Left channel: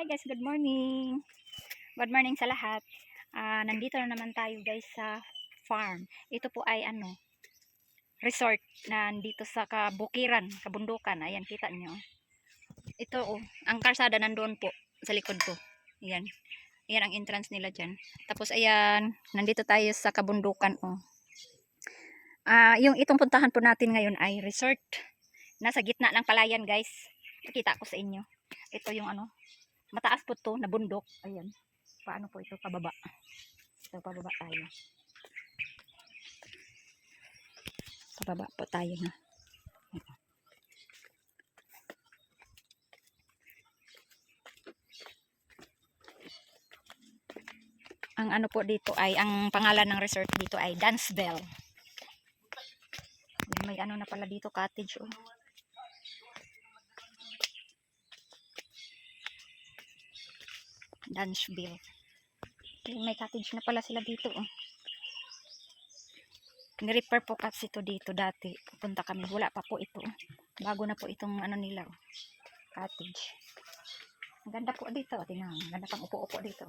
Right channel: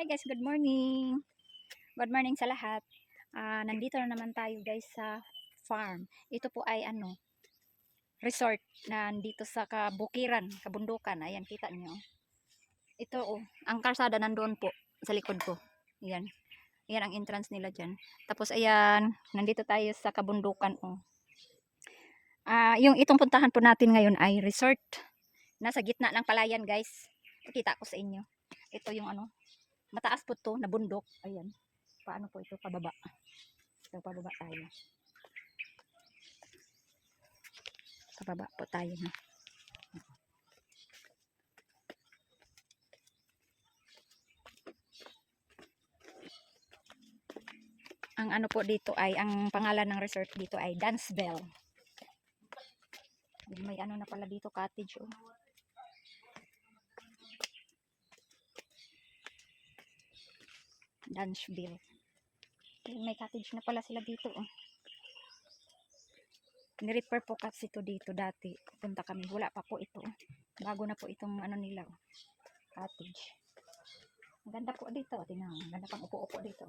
Hi guys, good morning. Good morning sa lahat. Nandito na naman tayo guys sa farm. Ito po ay resort na nandito sa kabukiran, kabundukan. Ayan, kita nyo. Ito ang karsada nandoon po sa likod ko. Ayan. Ayan ang entrance nila dyan. Tapos ayan, nandito tayo sa kabundukan yung itong puntahan po natin ngayon ay resort. Nasa gitna ng palayan guys. Pakita ko sa inyo. Ito yung mataas po to na bundok. Ayan. Paano po ito pababa? So, pababa tayo. Pababa po tayo na. Ang po dito ay, ang pangalan ng resort dito ay Dance Bell. May na pala dito, cottage Dance Bell. May cottage na pala sila dito Ni-repair po kasi ito dito dati. Punta kami, wala pa po ito. Bago na po itong nila cottage. Ang ganda po dito. Tingnan, ang ganda pang upo-upo dito.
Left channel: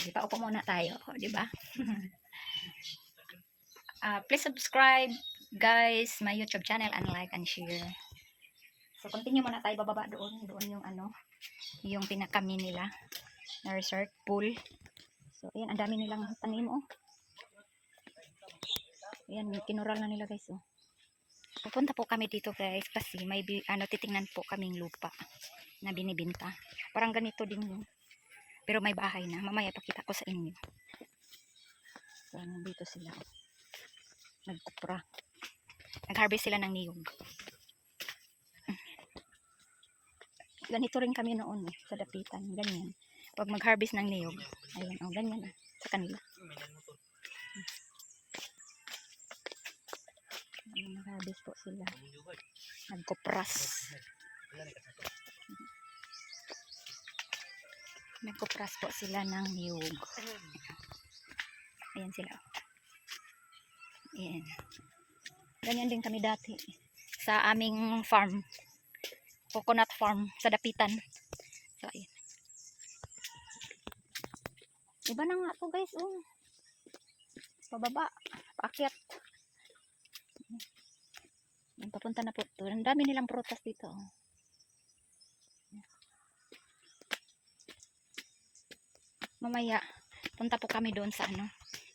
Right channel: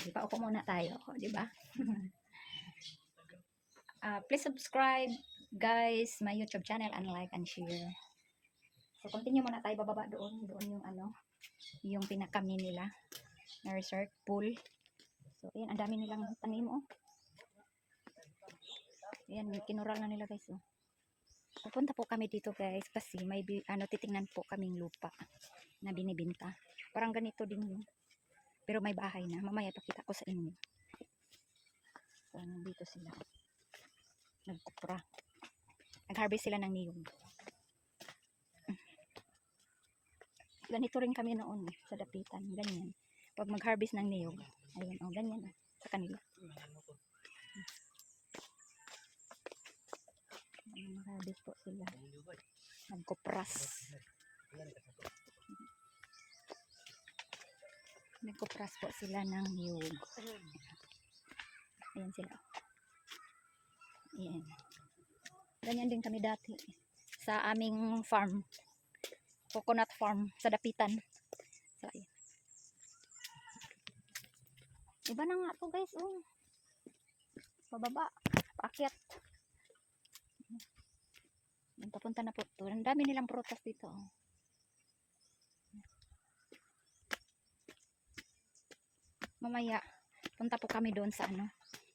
Diba, upo muna tayo, diba? Please subscribe guys my YouTube channel and like and share. So continue muna tayo, bababa doon yung yung pinakami nila na resort pool. So ayan, ang dami nilang tanim ayan, kinural na nila guys Pupunta po kami dito guys kasi may titingnan po kaming lupa na binibenta. Parang ganito din yun. Pero may bahay na. Mamaya pakita ko sa inyo. So nandito sila. Nagkupra. Nag-harvest sila ng niyog. Ganito rin kami noon sa dapitan. Ganyan. Pag mag-harvest ng niyog. Ayan, ganyan sa kanila. Mag-harvest po sila. Nagkupras. Nagkupras po sila ng niyog. Ayan sila. Ayan. Ganyan din kami dati sa aming farm. Coconut farm sa dapitan. So ayan. Iba na nga to guys pababa, paakyat. Yan, papunta na po to. Ang dami nilang prutas dito Mamaya punta po kami doon sa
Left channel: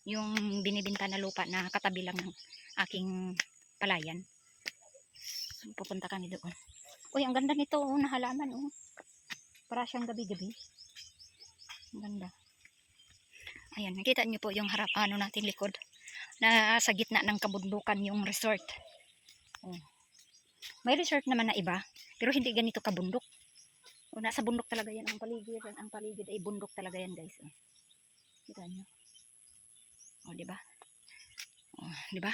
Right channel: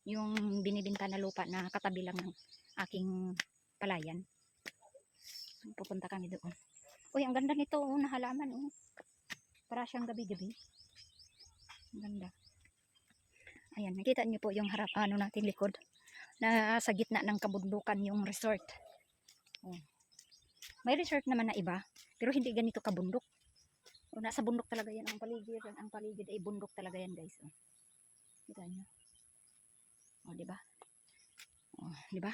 yung binibenta na lupa na katabi lang ng aking palayan. Pupunta kami doon. Uy, ang ganda nito na halaman para siyang gabi-gabi. Ang ganda. Ayan, nakita niyo po yung harap natin likod na sa gitna ng kabundukan yung resort. May resort naman na iba, pero hindi ganito kabundok. Nasa bundok talaga yan ang paligid. Ang paligid ay bundok talaga yan guys. Kita niyo. Di ba? Di ba?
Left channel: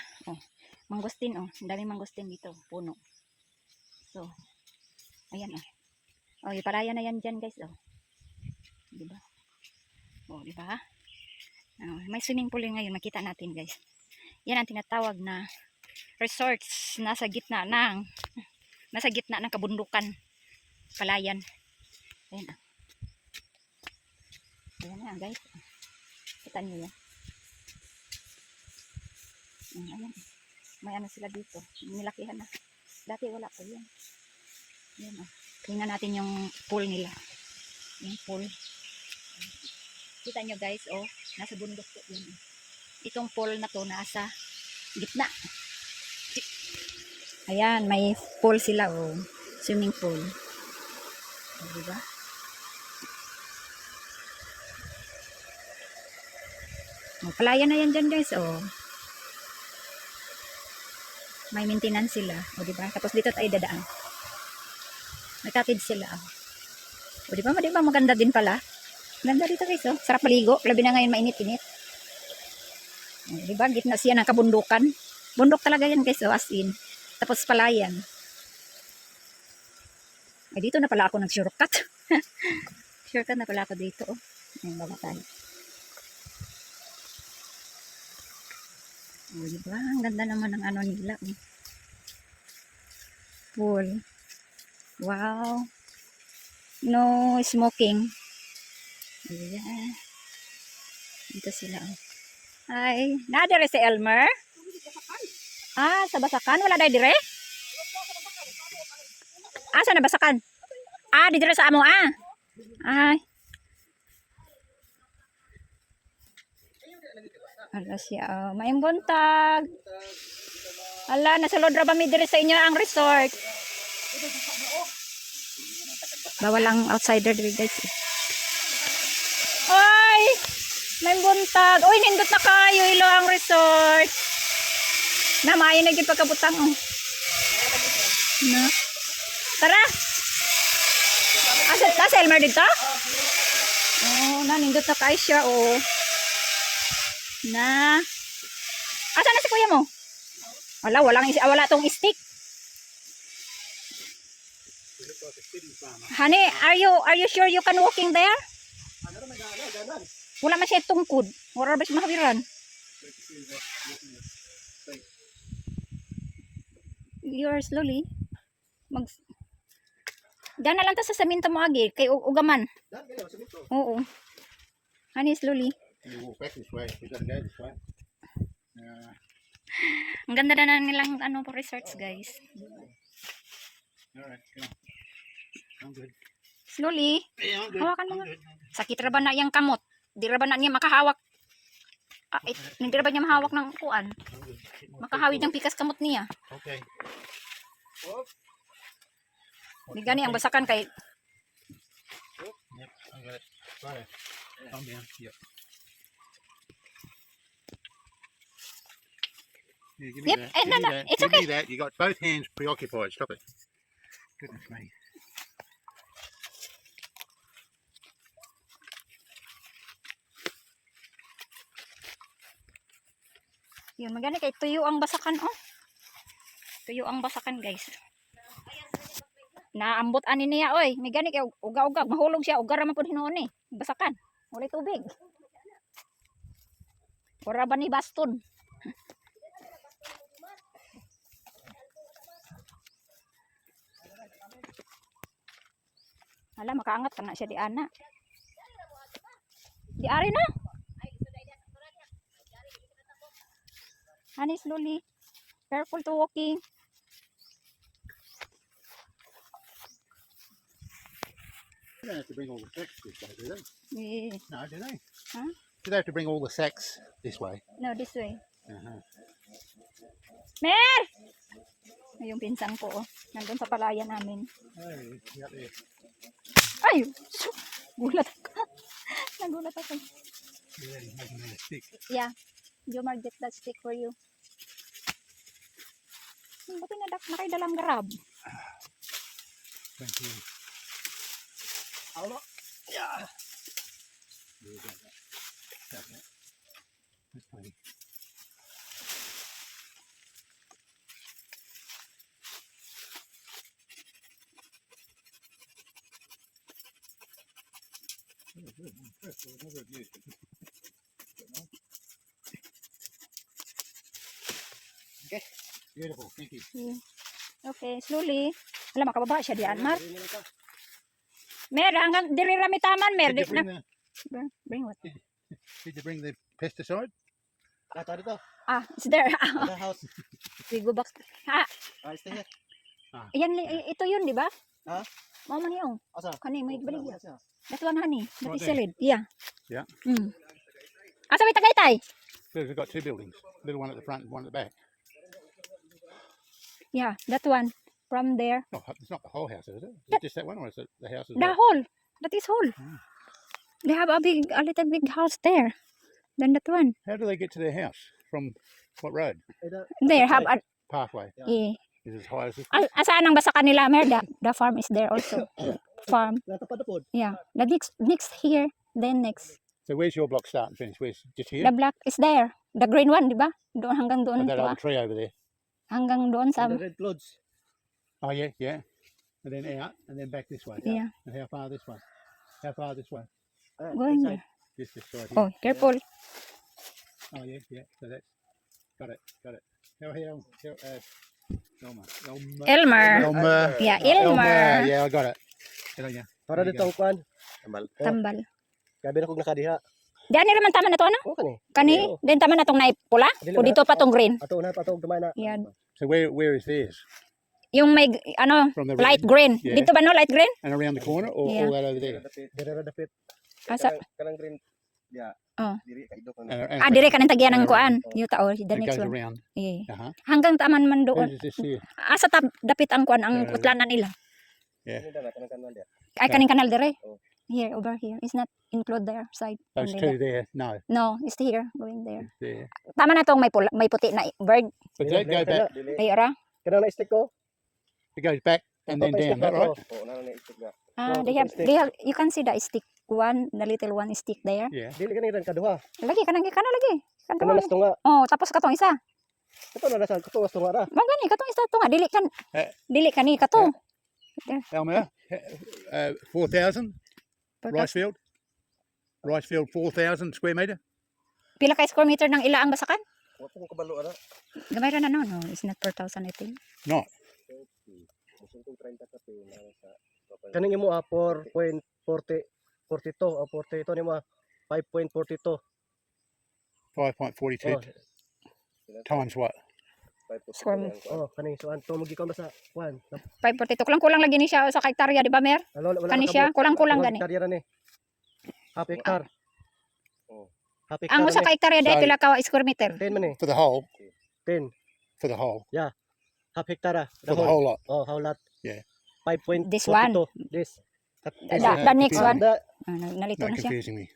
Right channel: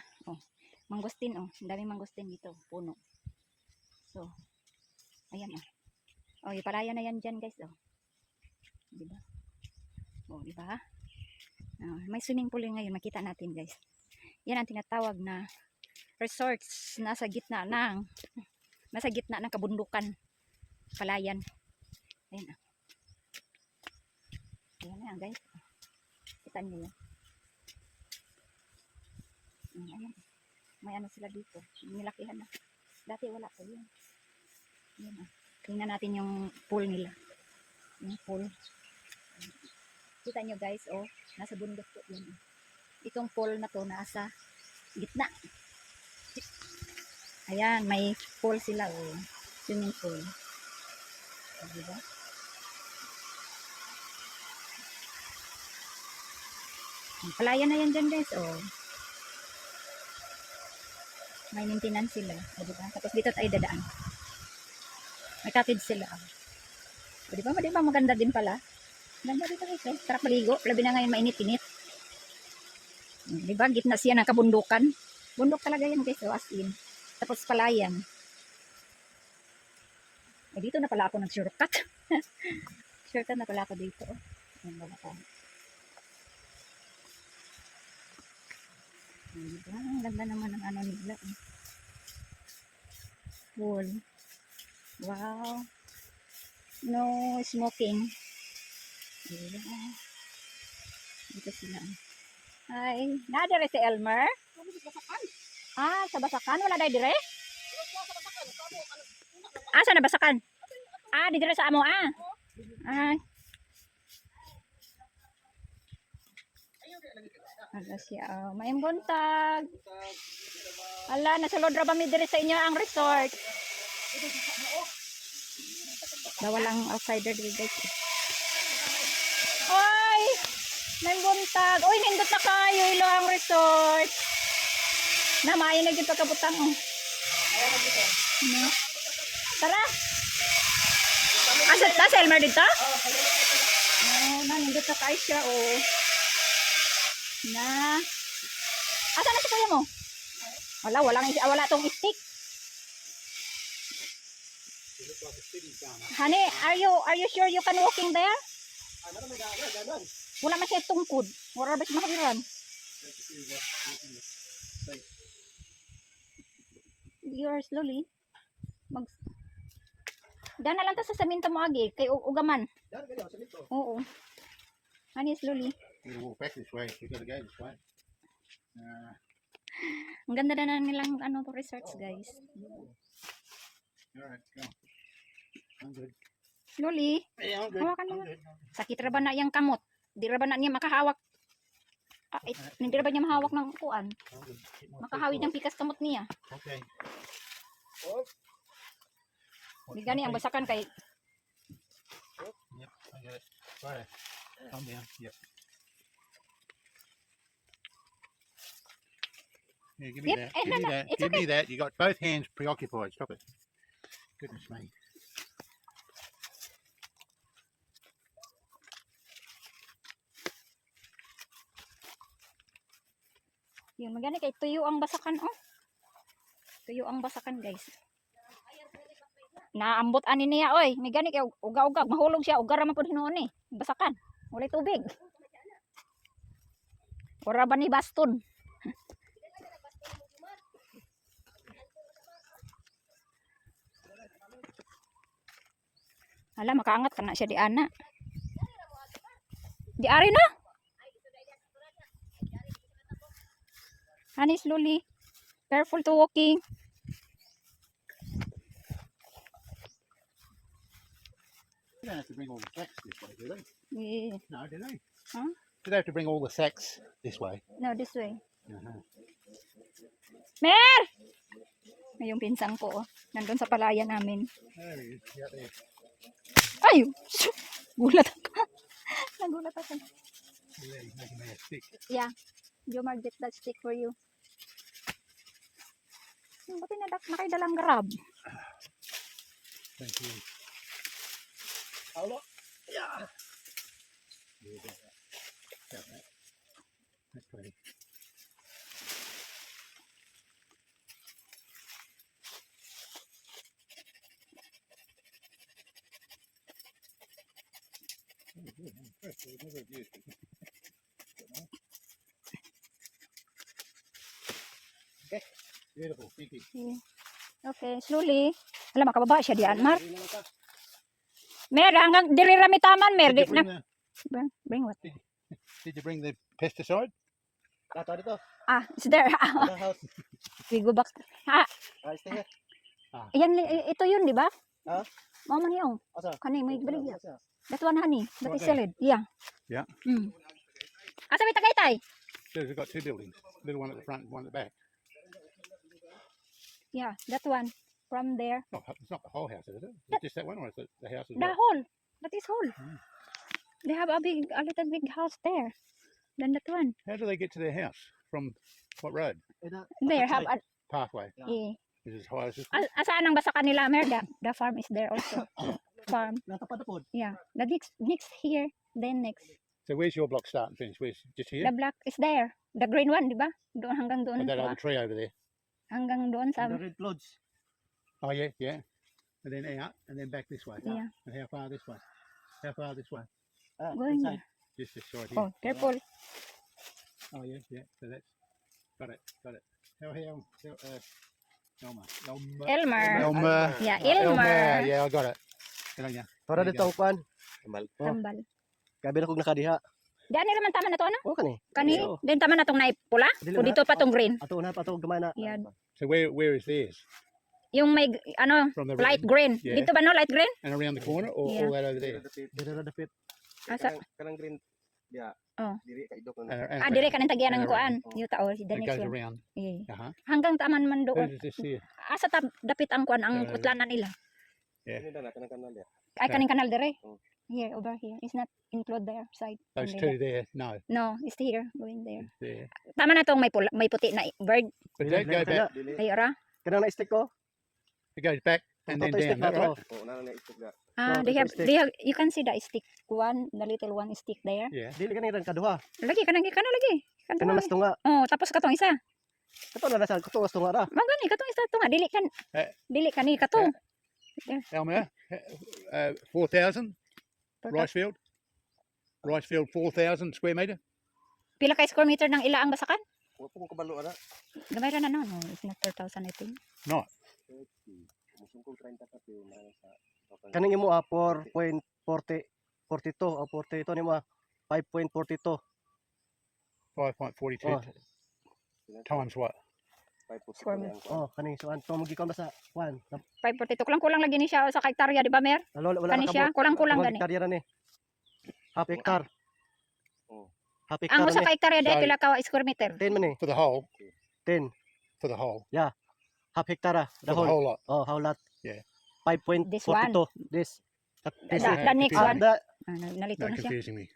Mangustin ang daming mangustin dito, puno. So, ayan yung palayan na yan dyan guys Di ba? Di ba? May swimming pool ngayon, makita natin guys. Yan ang tinatawag na resorts nasa gitna ng kabundukan, palayan. Ayan ayan guys. Kita niyo yan. Ayan. May sila dito. Nilakihan na. Dati wala pa yan. Ayan tingnan natin yung pool nila. Yung pool. Kita nyo guys, nasa bundok po yan. Itong pool na to nasa gitna. Ayan, may pool sila swimming pool. Diba? Palayan na yan dyan guys, may maintenance sila, diba? Tapos dito tayo dadaan. May cottage sila, diba? Diba maganda din pala? Ganda dito guys, sarap maligo, labi na ngayon mainit-init. Diba? Gitna siya ng kabundukan. Bundok talaga yan guys, as in. Tapos palayan. Ay, dito na pala ako nag-shortcut. Shortcut na pala ako dito. Ayan, baba tayo. Diba? Ang ganda naman ng nila. Pool. Wow. No smoking. Ayan. Dito sila. Hi. Nadire si Elmer? Ah, sa Basakan. Wala dahil dire? Ah, sa Basakan? Ah, di dire sa amo ah. Ay. Ala siya. Oh. Maayong buntag. Ala, nasulod ra ba mi dire sa inyo ang resort? Bawal ang outsider dire guys. Ay! May buntag. Uy, nindot na kayo. Ilo ang resort. Na, maayo na yung pagkabutang. Oh. Na. Tara! Asat na, Selmer dito? Oh, na, nindot na kayo siya. Oh. Na. Asa na si kuya mo? Wala tong stick. Honey, are you sure you can walking there? Wala man siya tungkod. Wala ba siya mahawiran? You are slowly. Dana lang ta sa saminto mo agi kay ugaman. Oo. Honey, slowly. You walk back this way. We're gonna go this way. Ang ganda na nilang ano po resorts, guys. Alright, go. I'm good. Slowly. Yeah, I'm good. Hawakan mo I'm nga. good. Sakit ra ba na yang kamot? Di ra ba na niya makahawak? Ah, hindi ra ba niya mahawak ng kuan? I'm good. Keep my Makahawid feet ng pikas kamot niya. forward. Okay. Di gani ang basakan kay Yep, I got it. Right. Calm down. Yep. Yeah, give me Yep, that. eh, Give no, me no, that. it's Give okay. me that. You got both hands preoccupied. Stop it. Goodness me. yun, magani kay tuyo ang basakan oh. Tuyo ang basakan, guys. Naambot ani niya oy. May gani kay uga-uga, mahulog siya, uga ra man pud hinuon eh. Basakan. Walay tubig. Ora ba ni baston? Hala, makaangat ka na siya di ana. Di ari na. Honey, slowly. Careful to walking. They don't have to bring all the sacks this way, do they? Yeah. No, do they? Huh? Do they have to bring all the sacks this way? No, this way. Uh-huh. Mer! Ay, yung pinsan ko, oh. Nandun sa palayan namin. Oh, yeah, there. Ay! Gulat ako. Nagulat ako. Yeah, he's making me a stick. Yeah. Jomar, get that stick for you. Ba't nakay dalang grab? Thank you. Hold on. Yeah. Yeah, got that. Got that. That's plenty. Oh, good. I'm impressed. I would never have used it. Okay. Beautiful. Thank you. Yeah. Okay, slowly. Alam, makababa siya diyan, Mar. Mer, hanggang diri rami taman, Mer. Did you bring the, Bring what? did you bring the pesticide? Ah, it's there. We go back. Ah, Stay here. ayan, ito yun, di ba? Ah? Mama niyo. Asa? Kani, may baligya. Asa? That one, honey. That Right is there. solid. Yeah. Yeah. Mm. Asa may tagaytay? So we've got two buildings. Little one at the front and one at the back. Yeah, that one. From there. Oh, it's not the whole house, is it? Is it just that one or is it the house as The well? whole. That is whole. Mm. They have a little big house there. Then that one. How do they get to their house? From what road? There have a, Pathway. yeah. Is it as high as this? Asaan ang basa kanila, Mer? The farm is there also. Farm. Natapad. Yeah. The next here. Then next. So where's your block start and finish? Where's just here? The black is there. The green one, di ba? Doon hanggang Oh, doon. that Diba? other tree over there. Hanggang doon sa... The red clothes. Oh yeah, yeah. And then out and then back this way. Yeah. And how far this way? How far this way? Going there. Just this side here. Oh, careful. Oh yeah, yeah. So that's got it. Elmer. Elmer. Elmer. Yeah, Elmer. Yeah, I got it. Hello, yeah. Para There you dito ang kuan. Tambal. Tambal. Kabi na kog nakadiha. Di ani raman tama na to ano? O kani. Kani, Oo. din tama na tong naipula? Dili O ba? dito pa tong green? Ato na pato gamay na. Yan. So where is theirs? Yung may ano, From the light red green. Yeah. Dito ba no light green? and around the corner, or Yeah. all that over there? Dere ra dapit. Asa? Kanang green dia. Oh. Diri kay dok. Ah, dire ka nang tagyan ng kuan. Yung tao, the It next goes one. around. Eh. Uh-huh. Hanggang taman man doon. Who's this here? Asa dapit ang kuan ang utlanan nila. Dili na kanang kanal dia. Ay kaning kanal dire. Oh. Here, over here. It's not include their side. Those Only two there. there, no. No, it's here. Going there. It's there. Tama na tong may pula, may puti na bird. But Dili, that go dili back. kana. Dili. Ay ora. Kanang na-stick ko. It goes back and then Patay down. stick That na right? to. Oh, nana na istig dia. Ah, Oh, they have stick. you can see the stick one, the little one stick there. Yeah. Dili kani ran kaduha. Lagi kanang lagi. Kanang Kanang lagi. nas tunga. Oh, tapos katong isa. Ito na nasa kuto was tunga ra. Magani katong isa to nga Eh. dili kani kato. Elmer, 4,000 rice field. Rice field 4,000 square meter. Pila ka square meter ng ila ang basakan? Wa po ko kabalo ana. Gamay ra na no. No, it's not 4,000 I think. Not. Musungkol 30 ka pe nang sa Kaning imo 4.42 o 40 ito nimo 5.42. 5.42 Oh, times what? Square meter. oh kani so anto mo gikan ba sa kuan. 542 kulang-kulang lagi ni siya sa hektarya di ba mer? Wala Kani siya kulang-kulang gani. Hektarya ra ni. Half hectare. Oh. Half Ang hectare. usa ka hektarya dai So- pila ka square meter? 10 man ni. For the whole. 10. For the whole. Half hectare. For the whole lot. Oh, how lot? Yeah. 5.42. This one. This. The next one. Ada Nalito Not na siya. confusing me.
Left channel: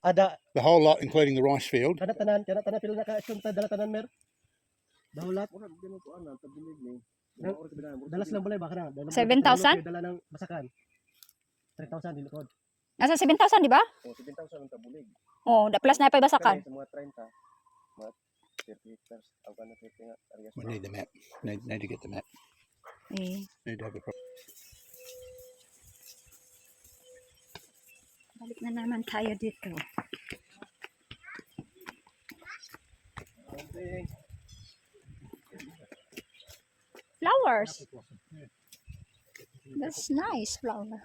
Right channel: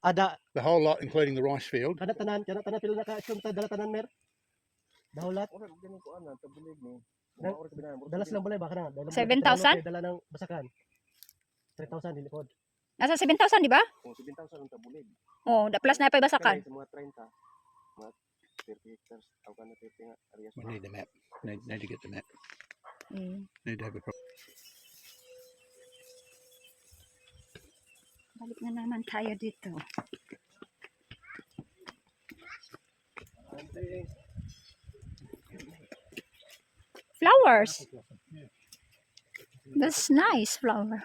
ada The whole lot, including the rice field. kada tanan pila na ka assume ta dala tanan mer. Dahulat. Ora gani ko ana tabulig ni. Dal- Ora kabinaan. Dalas lang balay ba kana? 7,000? Dala ng basakan. 3,000 dili pod. Nasa 7,000 di ba? Oh, 7,000 ang tabulig. Oh, da plus na pa basakan. Sa mga 30. Mga 30 hectares. Aw kana 30 nga areas. We need the map. Need to get the map. Eh, Need to have a balik na naman tayo dito. Flowers. That's nice flower.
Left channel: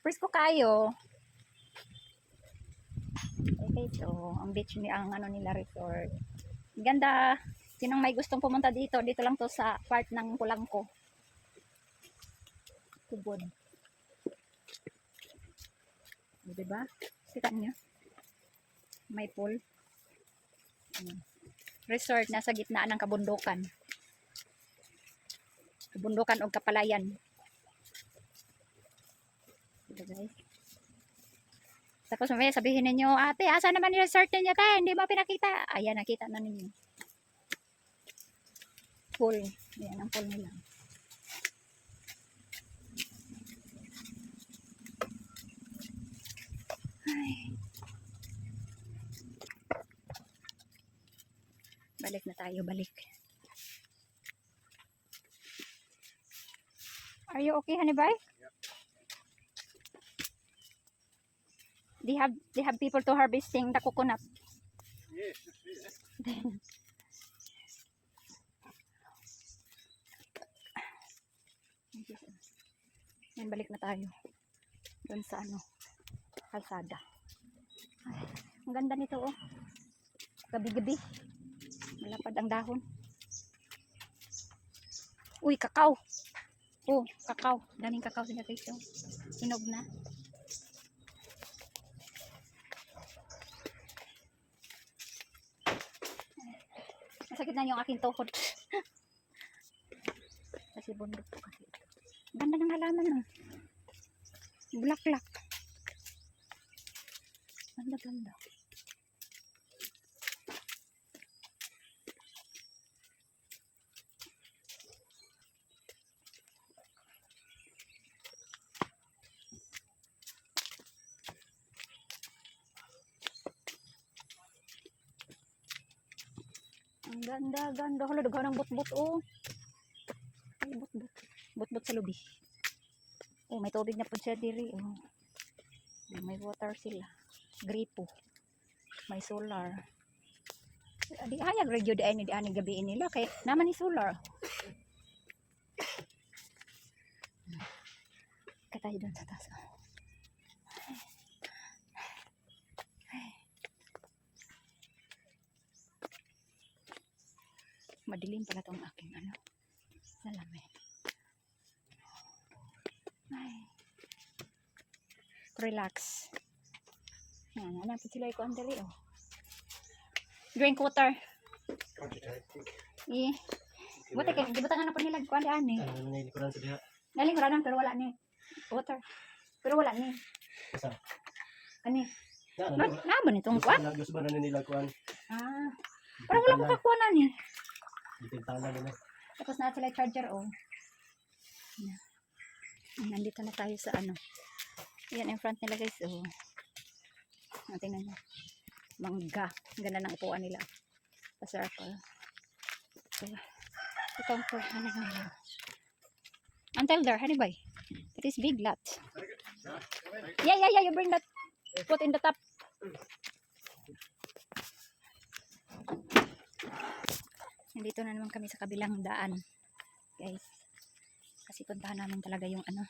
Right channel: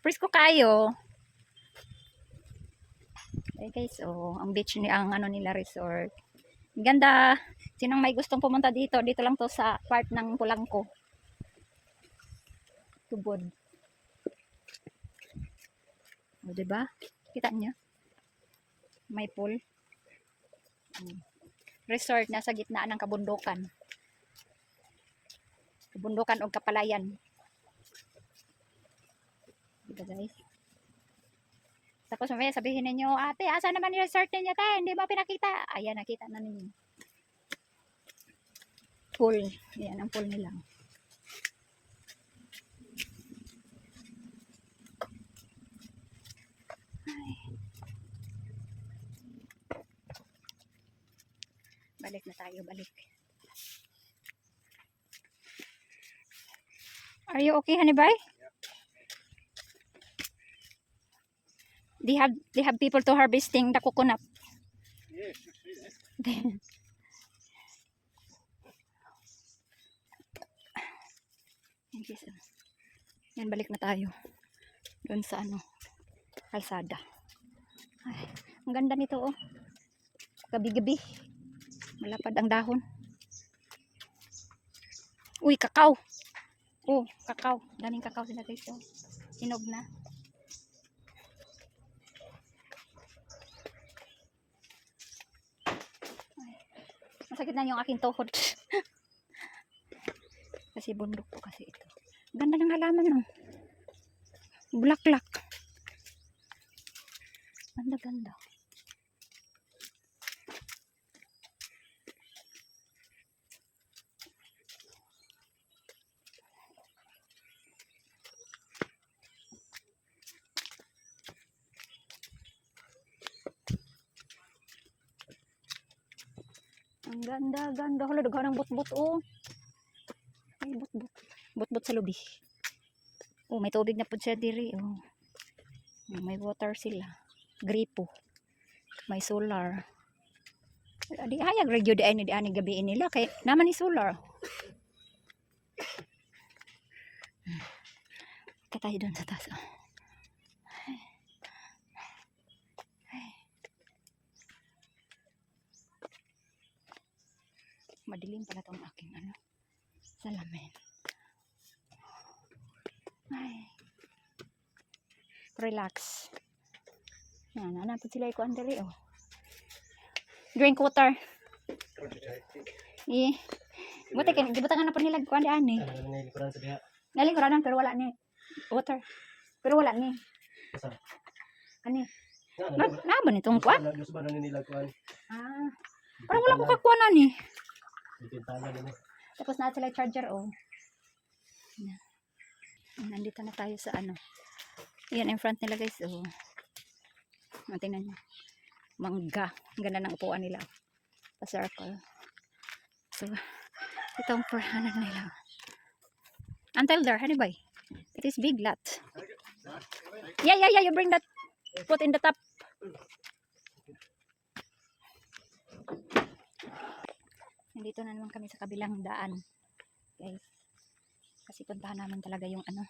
Presko kayo. Okay, so ang beach ni ang ano nila resort. Ganda. Sinong may gustong pumunta dito? Dito lang to sa part ng Pulangko. Tubod. O, diba? Kita niyo? May pool. Resort nasa gitna ng kabundukan. Kabundukan o kapalayan. Diba guys? Tapos mamaya sabihin ninyo, ate, asa naman yung resort ninyo, te? Hindi mo pinakita. Ayan, nakita na ninyo. Pool. Ayan, ang pool nila. Balik na tayo, balik. Are you okay, honey bye? They have people to harvesting the coconut. Yes, you see that. Yes, yan, balik na tayo. Doon sa ano, kalsada. Ay, ang ganda nito oh. Gabi-gabi. Malapad ang dahon. Uy, kakao. Oh, kakao. Daming kakao sila dito. Sinog na. Masakit na yung aking tuhod. Kasi bundok po kasi ito. Ganda ng halaman no. Bulaklak. Ganda ganda. Ang ganda ganda. Hala, daghan ng butbut oh. Ay, butbut. Butbut sa lubi. Oh, may tubig na po siya diri. Oh. May water sila. Gripo. May solar. Di hayag radio di ani gabiin nila kay naman ni solar. Punta tayo doon sa taas. Oh. Madilim pala tong aking ano, salamin. Ay. Relax. Yan, hanapin sila ikuan dali oh. Drink water. Eh. Buti kay gibutangan na pa nila kuan di ani. Ano na likuran sa diha? Nalinguranan pero wala ni water. Pero wala ni. Asa? Ani. Na, Na ba nitong kuan? Lagos ba na nila kuan? Ah. Parang wala ko kay kuan ani. Dipintana din eh. Tapos na sila charger oh. Yan. Nandito na tayo sa ano. Yan in front nila guys oh. Tingnan niyo. Mangga. Ang ganda ng upuan nila. Pa-circle. So, itong ano nila. Until there, honey boy. It is big lot. Yeah. You bring that. Put in the top. Nandito na naman kami sa kabilang daan. Guys. Kasi puntahan namin talaga yung ano.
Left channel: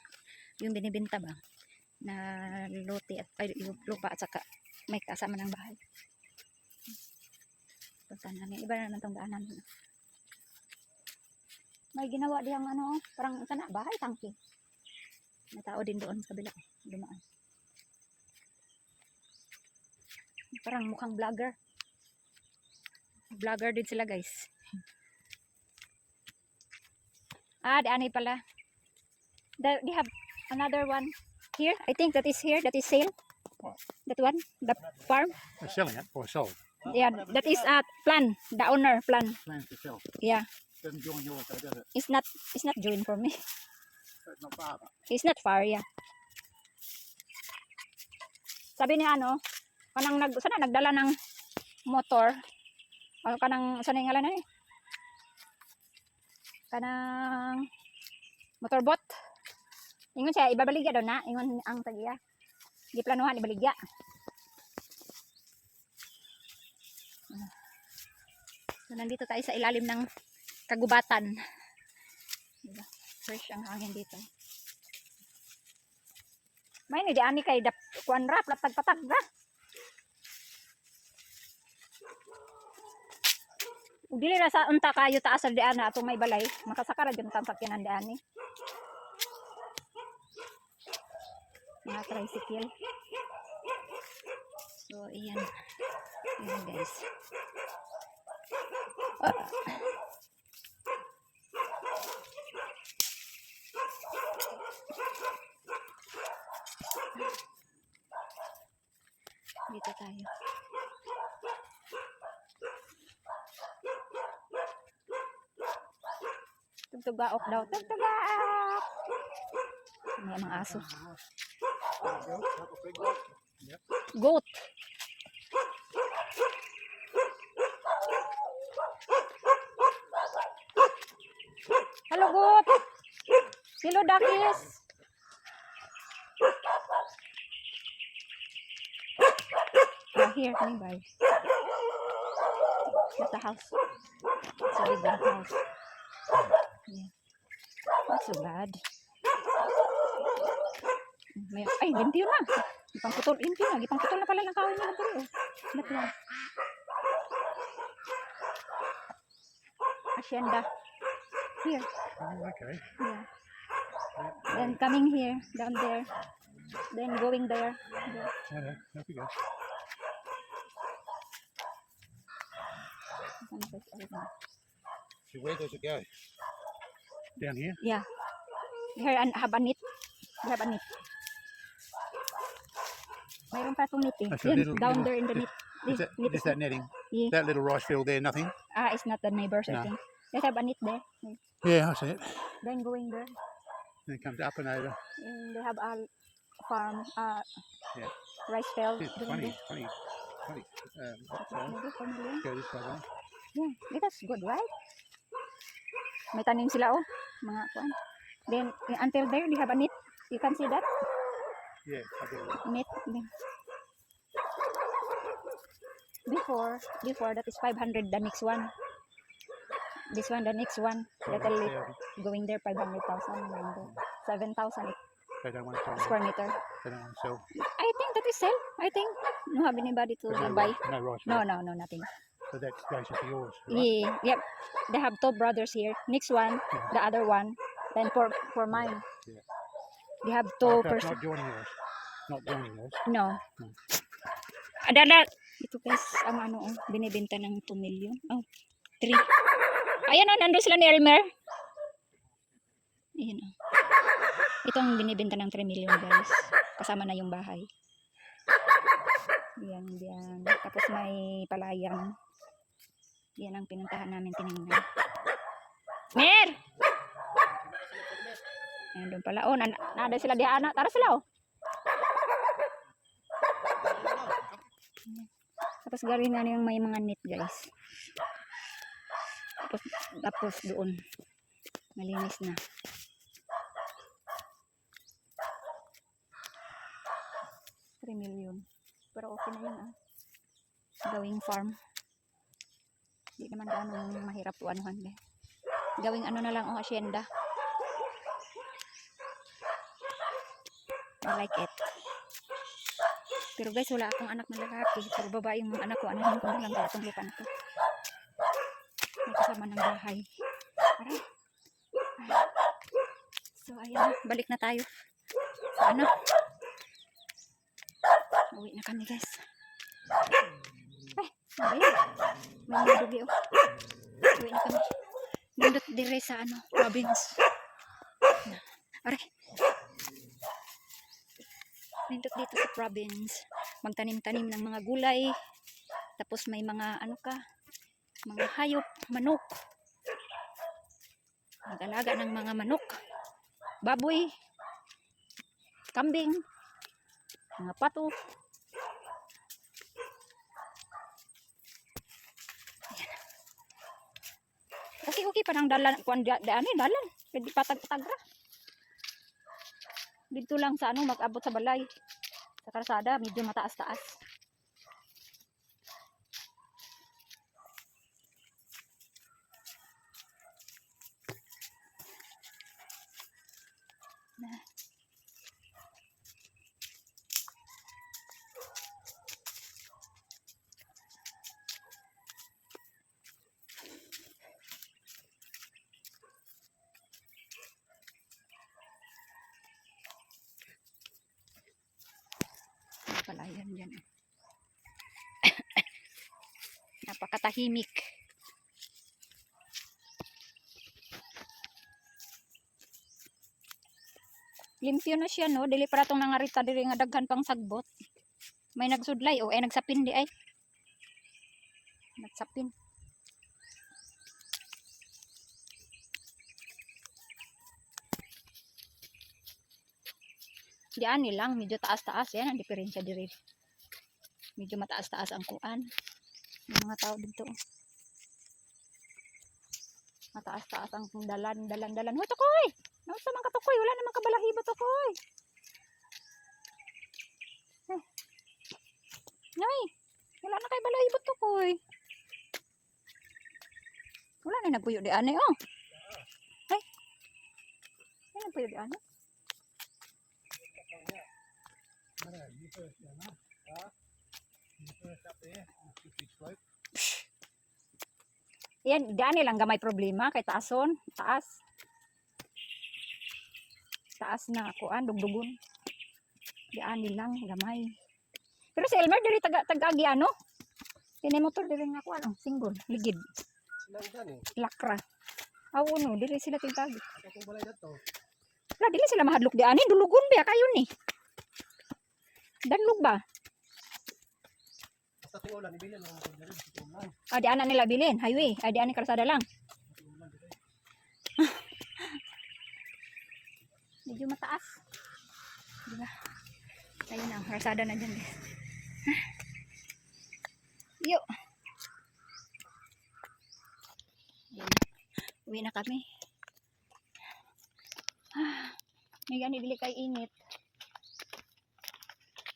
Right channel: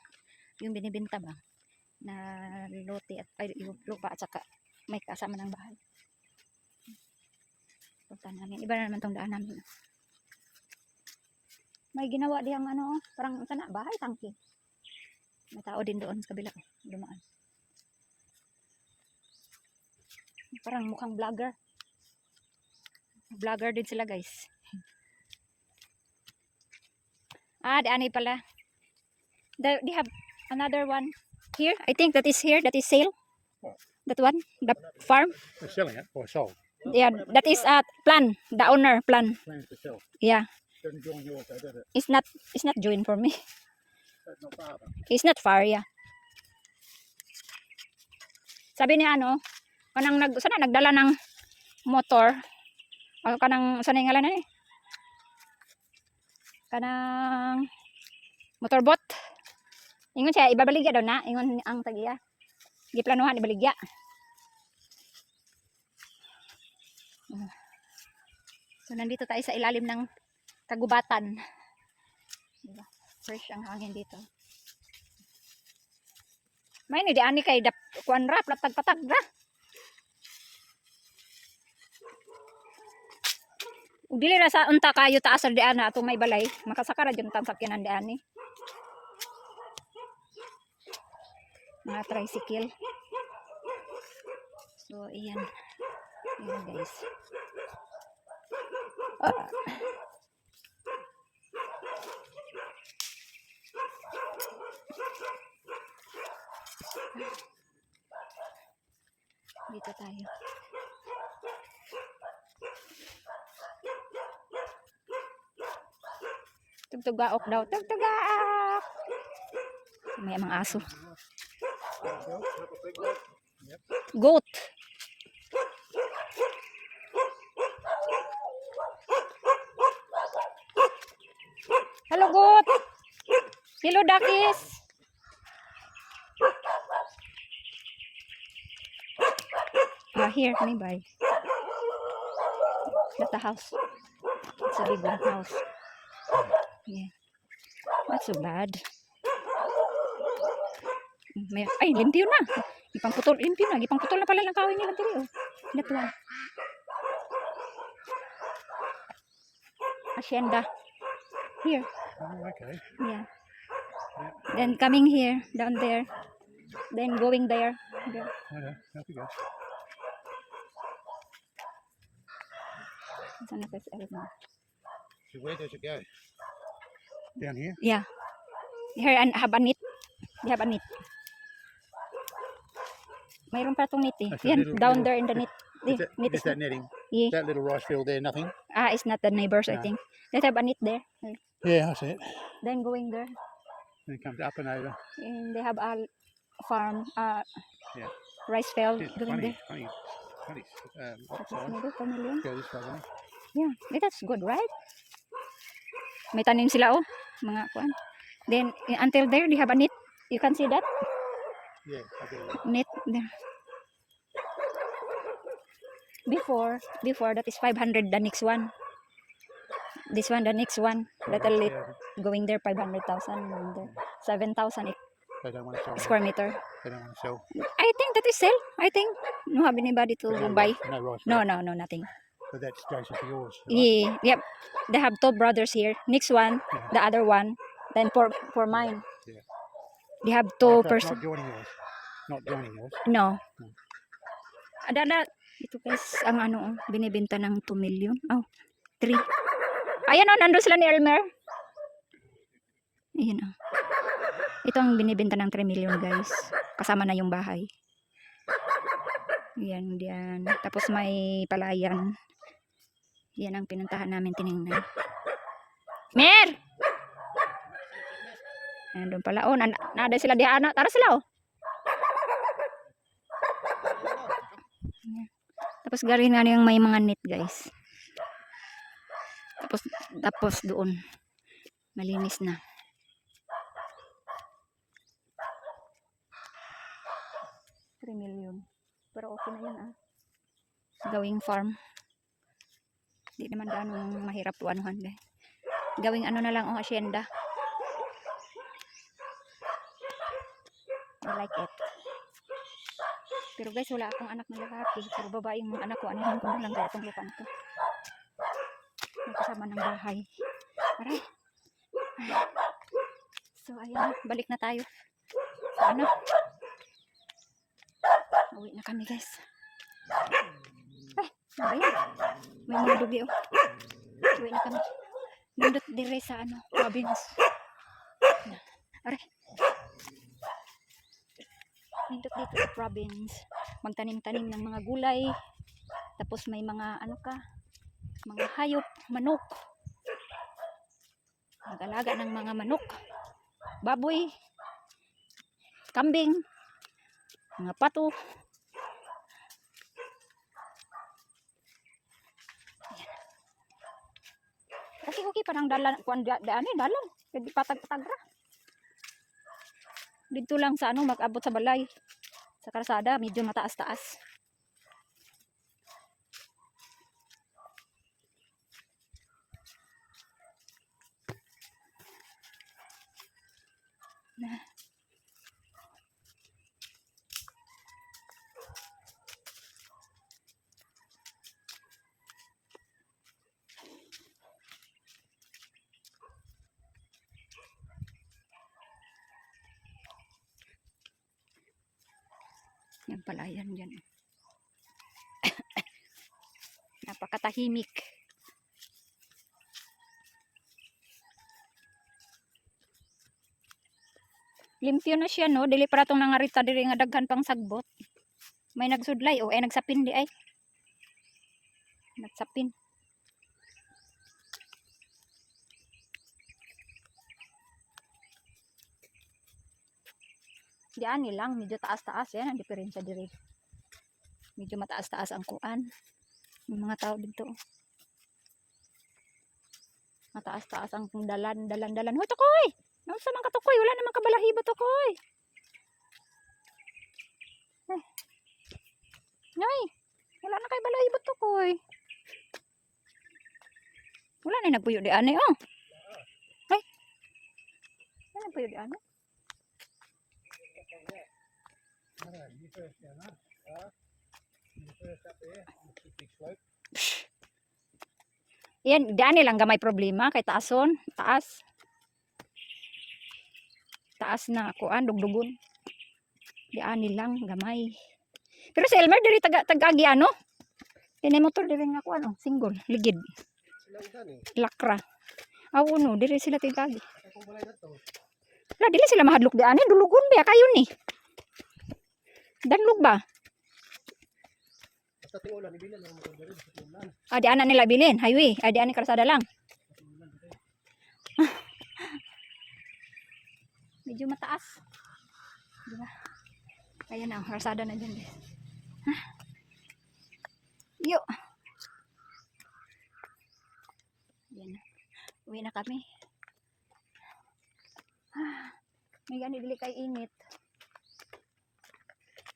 Yung binibenta ba? Na lote at ay, yung lupa at saka may kasama ng bahay. Puntahan namin. Iba na naman tong daan namin. May ginawa diyang ano, parang sana bahay tangki. May tao din doon sa kabila. Dumaan. Parang mukhang vlogger. Vlogger din sila guys. Ah, di ani pala. They have another one here. I think that is here. That is sale. What? That one, the farm. We're selling it or sold. Yeah, that is plan. The owner plan. Plans to sell. Yeah, Doesn't join yours, though, does it? it's not joined for me. That's not far. It's not far, yeah. Sabi niya ano, sana nagdala ng motor. O kanang sana yung ngalan eh. Kanang motorbot. Ingon siya ibabaligya daw na, ingon ang tagiya. Giplanuhan ibaligya. So nandito tayo sa ilalim ng kagubatan. Diba? Fresh ang hangin dito. May ni di ani kay kuan ra patag-patag ra. Ug dili ra sa unta kayo taas sa dian ato may balay, makasaka ra jud tang sakyanan dian ni. Mga tricycle. So iyan. Iyan guys. Oh. Dito tayo. Tugtugaok daw. Tugtugaok! May mga aso. Goat. Hello, goat. Hello, duckies. Here, nearby. That's the house. It's a big one house. Yeah. Not so bad. Ay, limpyo na. Ipangputol, limpyo na. Ipangputol na pala ng kawin niya. That one. Hacienda. Here. Oh, okay. Yeah. Then coming here, down there. Then going there. There. Okay, there you go. So where does it go? Down here? Yeah. Here and have a net. You have a net. Mayroon pa itong net eh. That's a Yan, little- down little- there in the net. Is that, Net is is that netting? yeah. That little rice field there, nothing? It's not the neighbors, I No. think. Let's have a net there. Yeah, I see it. Then going there. Then it comes up and over. And they have a farm, Yeah. rice field. It's Doon funny, din. funny. Tapos So, mayroon family. go this way, right? Yeah, that's good, right? May tanim sila oh, mga kuan. Then until there they have a net. You can see that Yeah, I get it. net there. Before that is 500 the next one. This one the next one. Little Yeah, going there 500,000 going there 7,000. They don't want to sell. square meter. They don't want to sell. I think that is sell. I think no have anybody to No, buy. no rice. No, no, no, nothing. So that's basically yours. Right? Yeah, yep. They have two brothers here. Next one, Yeah. the other one. Then for mine, Yeah. they have Oh, two so it's person. not joining yours. Not joining yours. No. No. Adala. Ito guys, ang ano, oh, binibenta ng 2 million. Oh, 3. Ayan oh, nandun sila ni Elmer. Ayan oh. Ito ang binibenta ng 3 million guys. Kasama na yung bahay. Yan, yan. Tapos may palayan. Yan ang pinuntahan namin tinignan. Mer! Nandun pala. Oh, nada sila diha anak. Tara sila oh. Yan. Tapos galing nga yung may mga net guys. Tapos doon. Malinis na. $3 million. Pero okay na yun ah. Gawing farm. Hindi naman ganun mahirap anuhan guys. Gawing ano na lang ang asyenda. I like it. Pero guys, wala akong anak na lalaki. Pero babae yung mga anak ko. Anuhan ko na lang itong lupa na to. May kasama ng bahay. Aray. So ayan, balik na tayo. Sa ano? Uwi na kami guys. Ay, may mga dugi oh. Uwi na kami. Nandot dire sa ano, province. Aray. Nandot dito sa province. Magtanim-tanim ng mga gulay. Tapos may mga ano ka, mga hayop, manok. Mag-alaga ng mga manok. Baboy. Kambing. Mga pato. Okay, parang dalan, kuan daan dalan. Pwede patag-patag ra. Dito lang sa ano, mag-abot sa balay. Sa kalsada, medyo mataas-taas. Palayan dyan. Napakatahimik. Limpyo na siya no. Dili para itong nangarita diri nga daghan pang sagbot. May nagsudlay o nagsapin di ay. Nagsapin. Diyan nilang medyo taas-taas yan ang diferensya diri. Medyo mataas-taas ang kuan. Yung mga tao dito. Mataas-taas ang dalan. Hoy tukoy. Nausa man ka tukoy, wala namang kabalahibo tukoy. Nay, wala na kay balahibo tukoy. Wala na nagpuyo di ane oh. Ay. Wala nagpuyo di ane. Yan, diyan lang gamay problema kay taason, taas. Taas na kuan dugdugon. Diyan lang gamay. Pero si Elmer diri tagagi ano? Kini motor diri nga kuan oh, single, ligid. Sila udan eh. Lakra. Aw no, diri sila tagagi. Akong balay dato. Wala dili sila mahadlok diyan, dulugon ba kayo ni? Danlog ba? Basta tingulan ibili lang mo diri sa tingulan. Ah, di ana nila bilin, highway. Ah, di ana kalsada lang. Medyo mataas. Diba? Ayun ang kalsada na dyan guys. Yo. Yan. Uwi na kami. May gani dili kay init.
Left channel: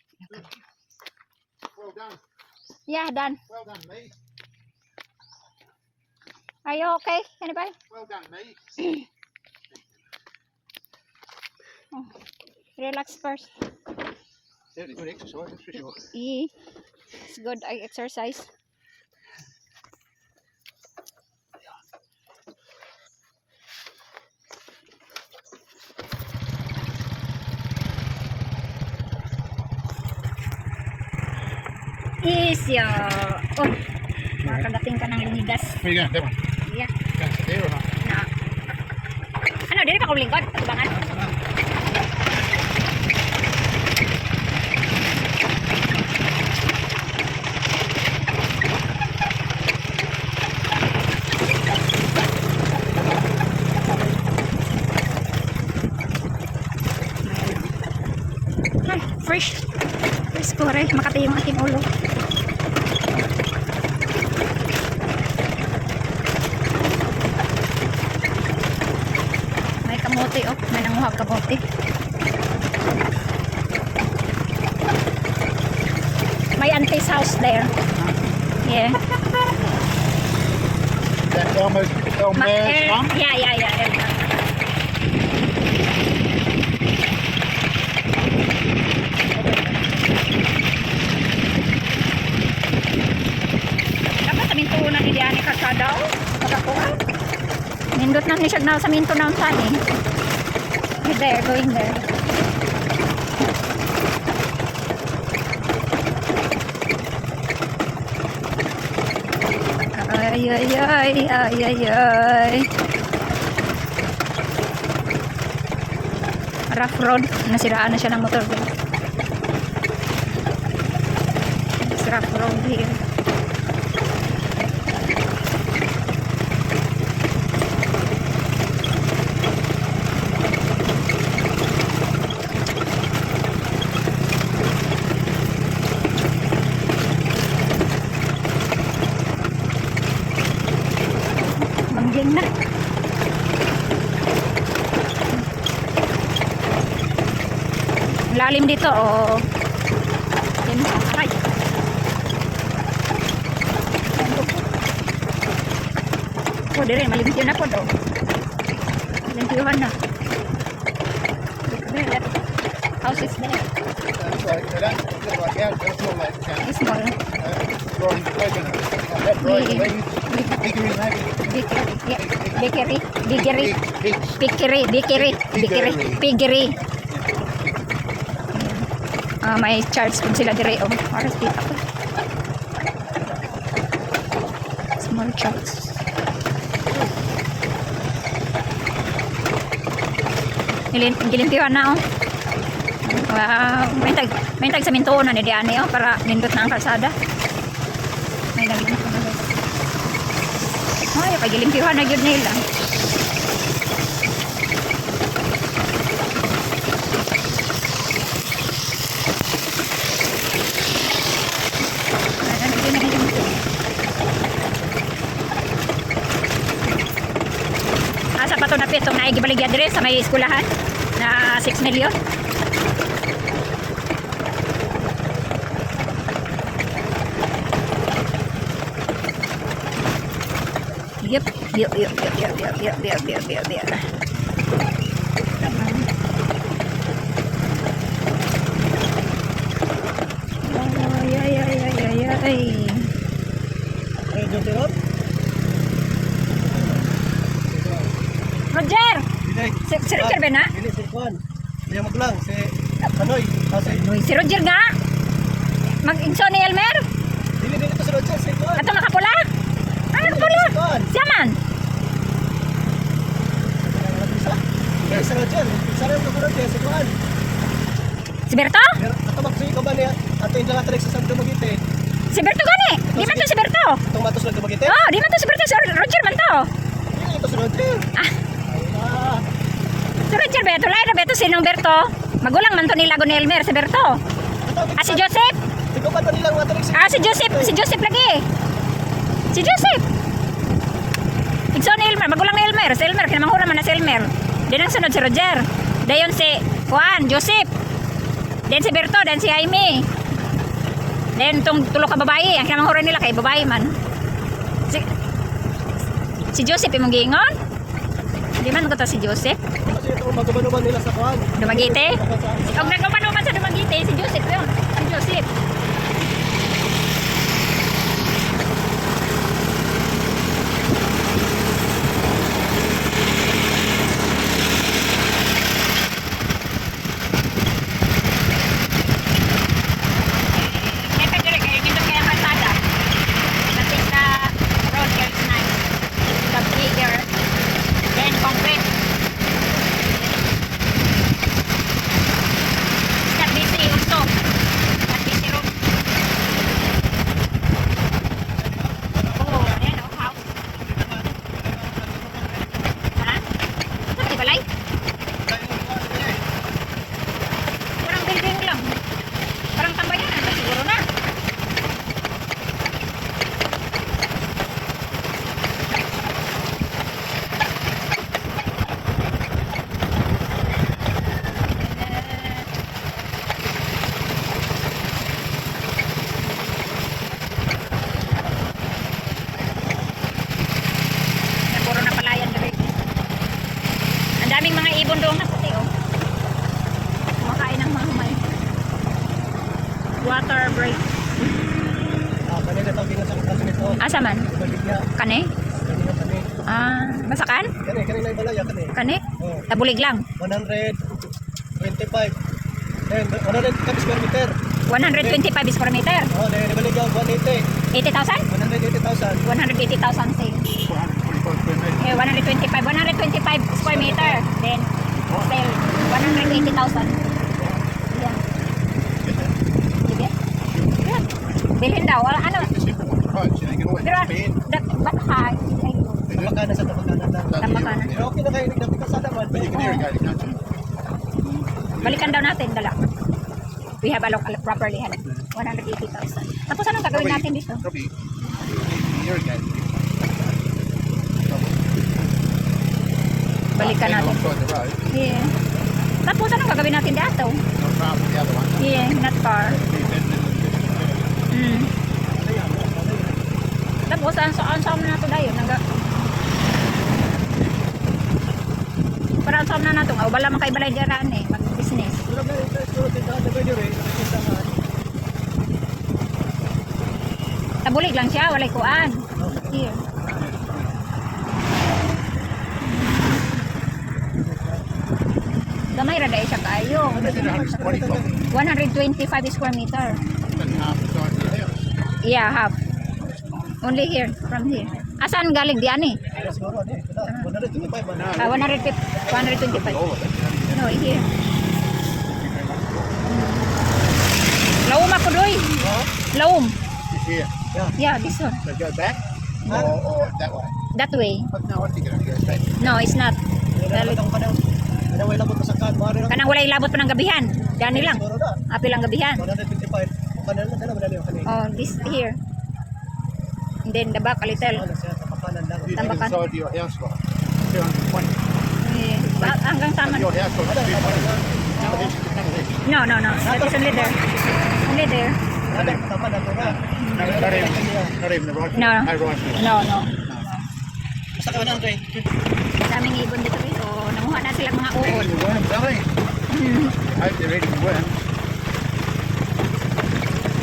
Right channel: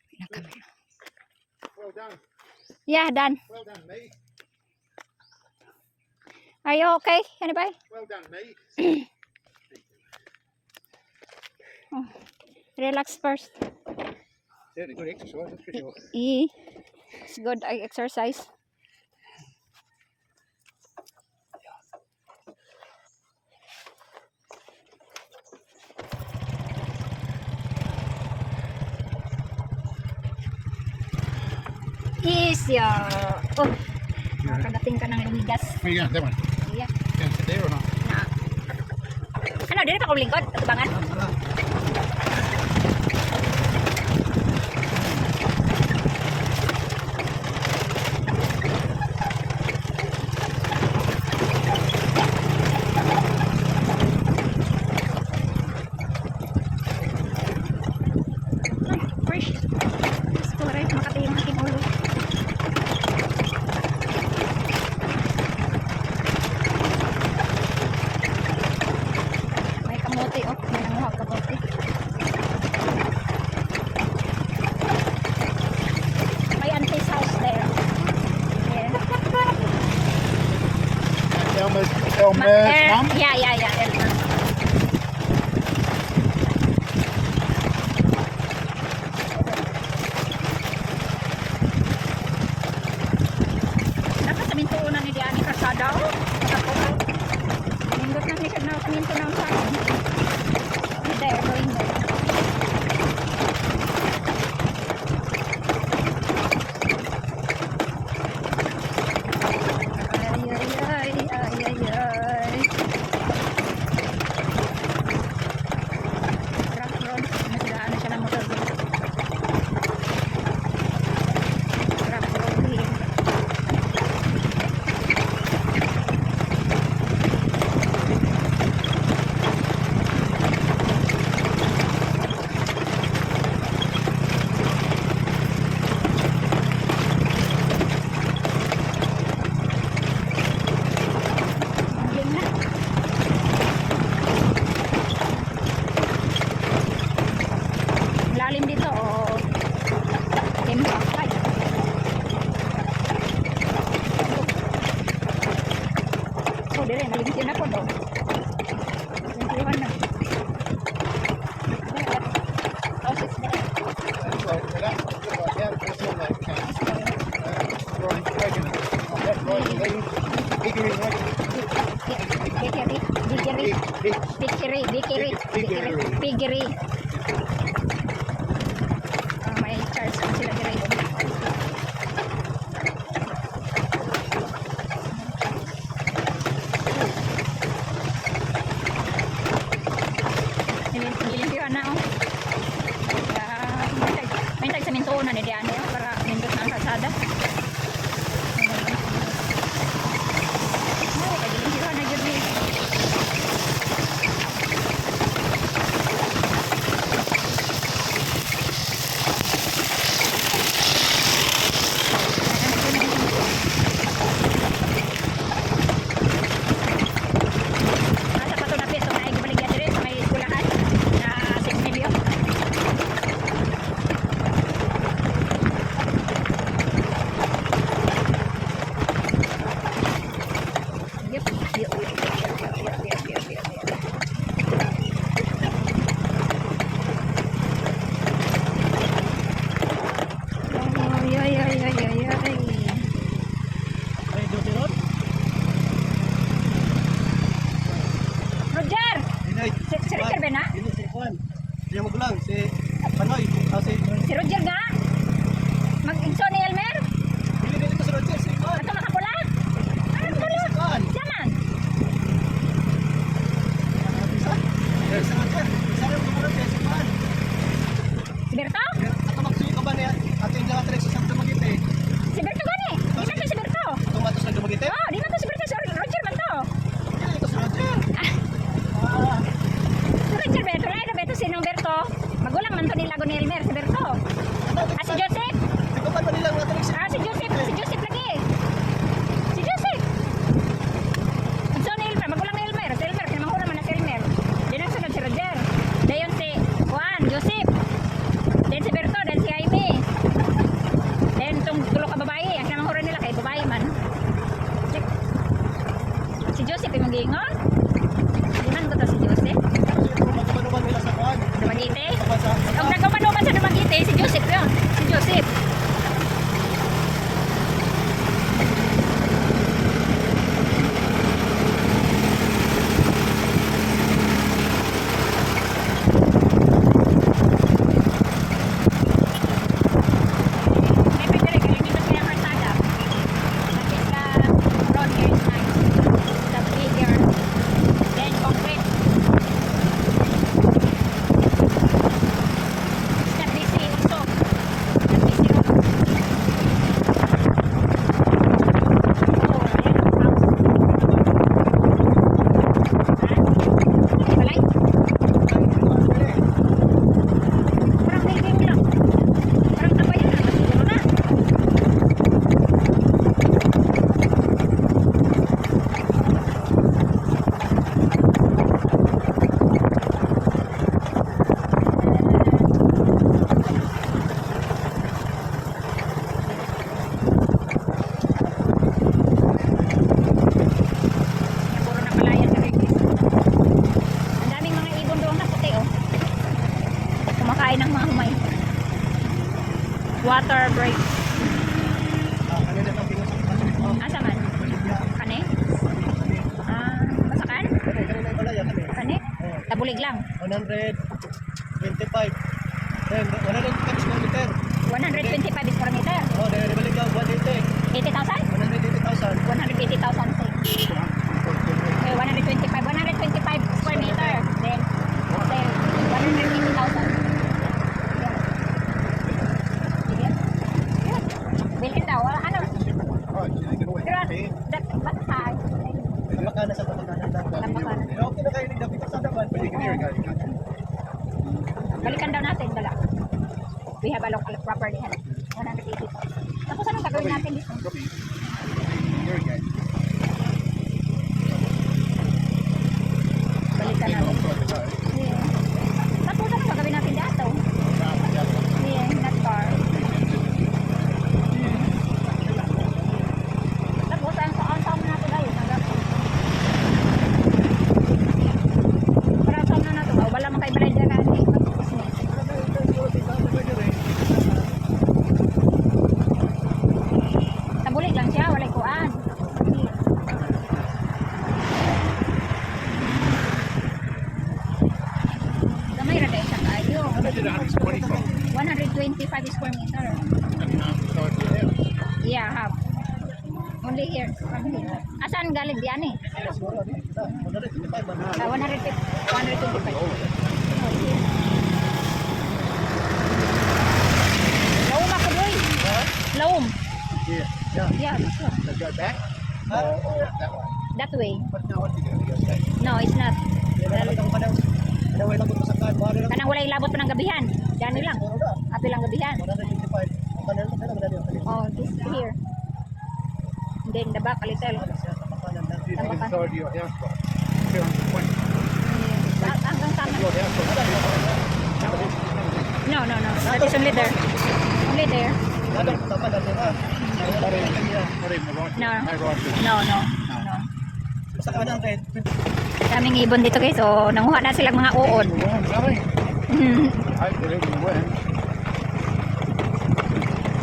Uwi na kami. Well done. Yeah, done. Well done, me. Are you okay? Anybody? Well done, me. Relax first. Certainly good exercise, that's for sure. It's good exercise. Isyo. Uy, nakadating ka ng linigas. Where you going? That one? Yeah. Going to sit there or not? Na. Ano, dili pa ko lingkod? Tubangan? Ay, fresh. Fresh ko rin. Makati yung aking ulo. May kamote, oh. May nanguhag kamote. May auntie's house there. Yeah. That's Elmer's mum? Yeah, Elmer. Dapat sa minto na ni Diane Karsada, oh. Makakuha. Nindot na niya na sa minto ng sani. There, going there. Ay. Rough road. Nasiraan na siya ng motor. It's rough road here. Mangging na. Lalim dito, oh. Tempo. Ay. Oh, dire, malimpyo na po daw. Malimpyohan na. House is there. Sorry, so that's like out, that's not like It's small. Rory Pregnant. That Rory Lee, Hickory maybe. Piggery. May charge kung sila dire, oh. Oras dito. Small church. Gilimpiwan na, oh. Wow. May tag sa mintuon na ni Diane, oh, para nindot na ang kalsada. May nalipin ko. Ay, pagilimpiwan na yun nila. Asa pa to na peso na igibaligya dire sa may eskulahan na 6 million. Yep. Ay. Ay, dito ron? Roger! Si Roger ba na? Dili, si Juan. Diyan maglang, si Kanoy. Si Roger nga? Mag-inso ni Elmer? Dili, dito si Roger, si Juan. Ato nakapula? Ano nakapula? Si Juan. Siya man? Si Roger. Isa rin si Roger, si Juan. Si Berto? Ato magsuyo ka ba niya? Ato yung langatrik sa Santo Magite. Si Berto gani? Di man to si Berto? Itong matos lang Magite? Oh, di man to si Berto. Si Roger man to. Dili, ito si Roger. Ah, Si Roger Berto. Lain na Berto sinong Berto? Magulang man to nilago ni Elmer. Si Berto. Si Joseph? Di ko pa nilang matrik si Si Joseph. Si Joseph lagi. Si Joseph. Igso ni Elmer. Magulang ni Elmer. Si Elmer. Kinamangura man na si Elmer. Then ang sunod si Roger. Dayon si Juan. Joseph. Then si Berto. Then si Jaime. Then itong tulo ka babae. Ang kinamangura nila kay babae man. Si Joseph imong giingon? Di man ko to si Joseph. Si magkabanuman nila sa kuhan. Dumaguete? Ako sa Huwag nagkamanuman sa Dumaguete, si Joseph yun. Si Joseph. Siyempre, direct, kaya dito kaya kalsada. Kasi sa road, there's nice. The bigger. Then, concrete. It's not busy also. Not busy road. Oh, ayan, wow. Ha? Ay, balay? Parang building lang. Parang tambay na. Siguro na. Puro na palayan dito. Ang daming mga ibon doon na puti, oh. Kumakain ng mga humay. Water break. kanina pag sa kasi nito. Asa man? Bolivia. Kane? Kani. Ah, masakan? Kanina yung balaya kani. Kane? Oh, Tabulig lang. 125. Then 100 square meter. 125 square meter. Oh, then ibalik yung 180. 80,000? 180,000. 180,000 same. Okay, 125 square meter. Then, sale, 180,000. Yan. Sige. Yan. Bilhin daw. Wala, ano? Pero, ba't high? Makana sa Tamakanan. Tamakanan. Pero okay na kayo nagdating ka sa daman. Balikan daw natin, dala. We have a local properly, 180,000. Tapos anong gagawin natin dito? Balikan natin. Yeah. Tapos anong gagawin natin dito? Yeah, not far. Mm. Tapos saan na nato dayon? Parang saan na nato? Wala man kay balay diran eh, mag-business. Tabulig lang siya, walay kuan. Here. Gamay ra dai siya kayo. 125 square meter. Yeah, half. Only here, from here. Asan galing di ani? 125. No, here. Laum ako doy. Laum. Here. Yeah, this one. So go back or that way? That way. But no, I think it only goes back. No, it's not. Kanang Kanang walay labot pa ng gabihan. Diyan lang. Apil ang gabihan. 125. Kanang sana ba yung kanina? Oh, this here. And then the back a little. You think Tambakan. inside your house was 220. Yeah. Hanggang tama. Your house was 220. No. That is only there. Only there. Not even the right. No. No right. No. Basta ka 100. Daming ibon dito guys. So, nanguha na silang mga uod. Nothing. Hmm. I hope they're eating the worms.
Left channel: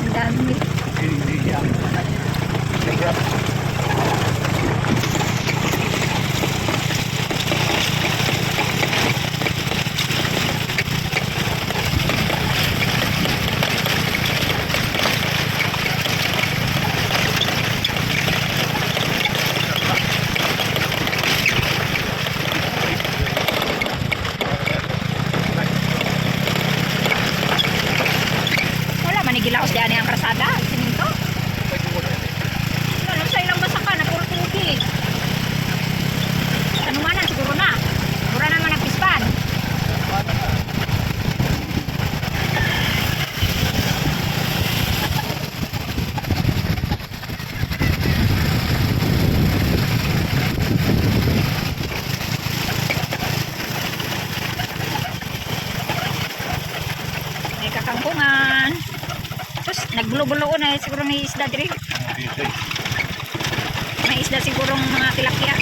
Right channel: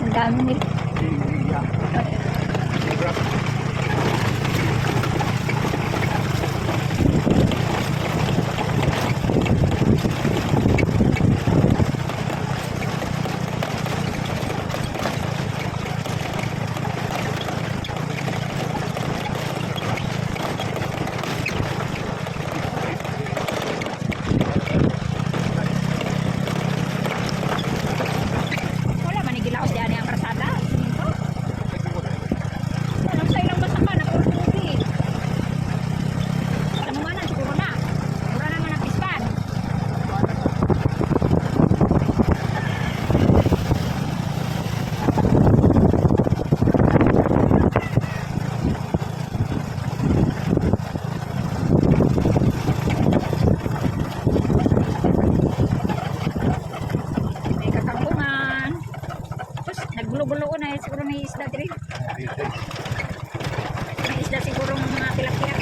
Ang dami. Eating the grubs. Wala, manigilaos dyan ang krasada. Siminto. Lalo sa ilang masaka na puro tinggi. Tanumanan siguro na. Mura naman ang pispan. May kakangkungan. Tapos nagbulo-bulo na siguro may isda diri. May isda siguro mga tilapia.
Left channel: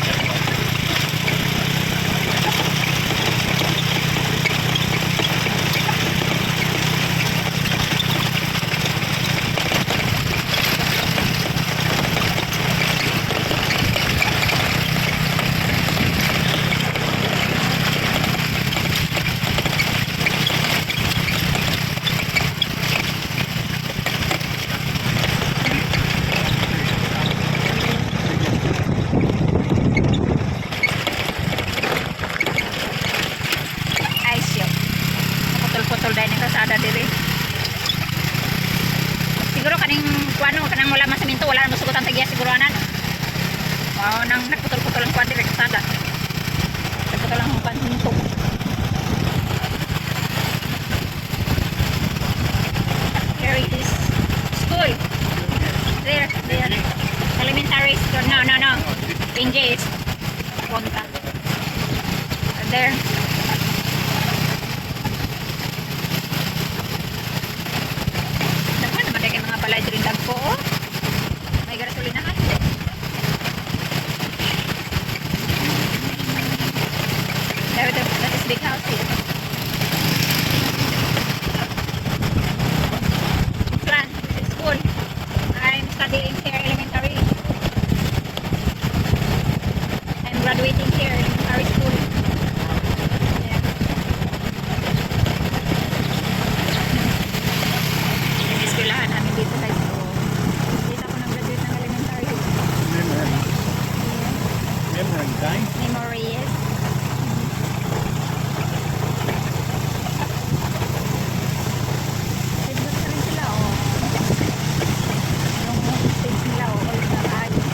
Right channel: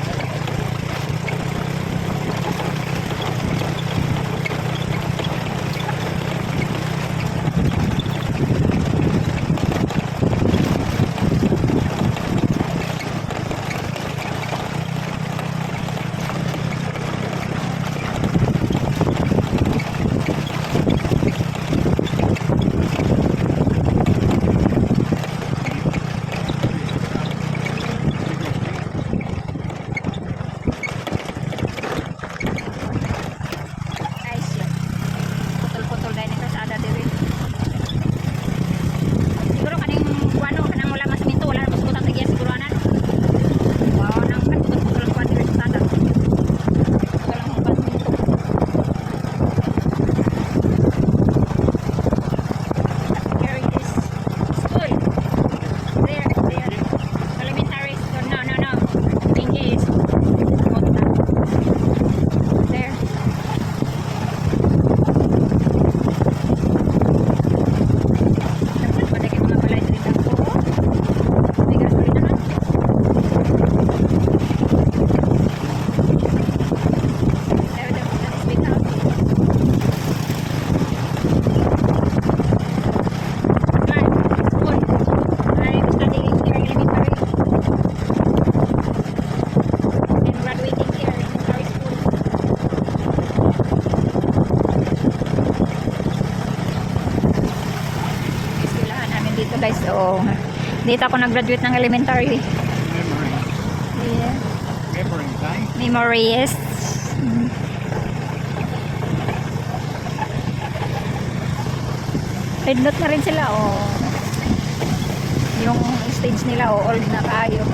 Graduate ng elementary. Memory. Yeah. Memory day. Memories. Headnote na rin sila, oh. Yung stage nila, oh, old na kayo.